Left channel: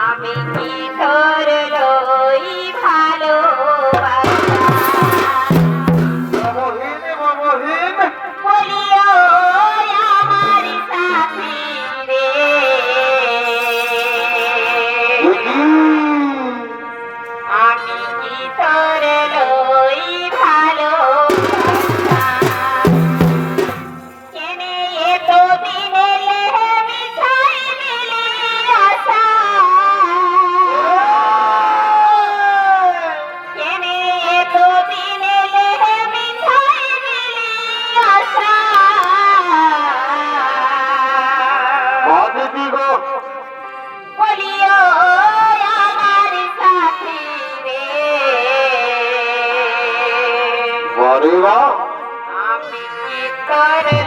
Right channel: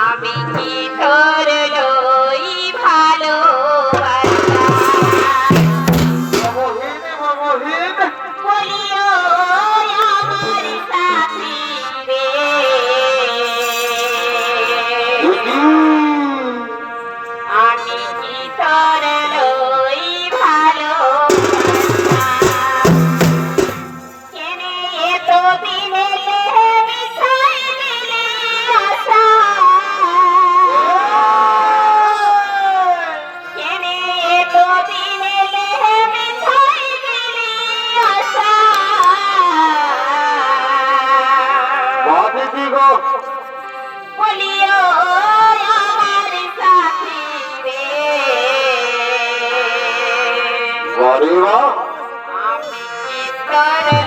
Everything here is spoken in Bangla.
আমি কি সাথী গো। বলিও আমার সাথী রে। বরে আমি কি করে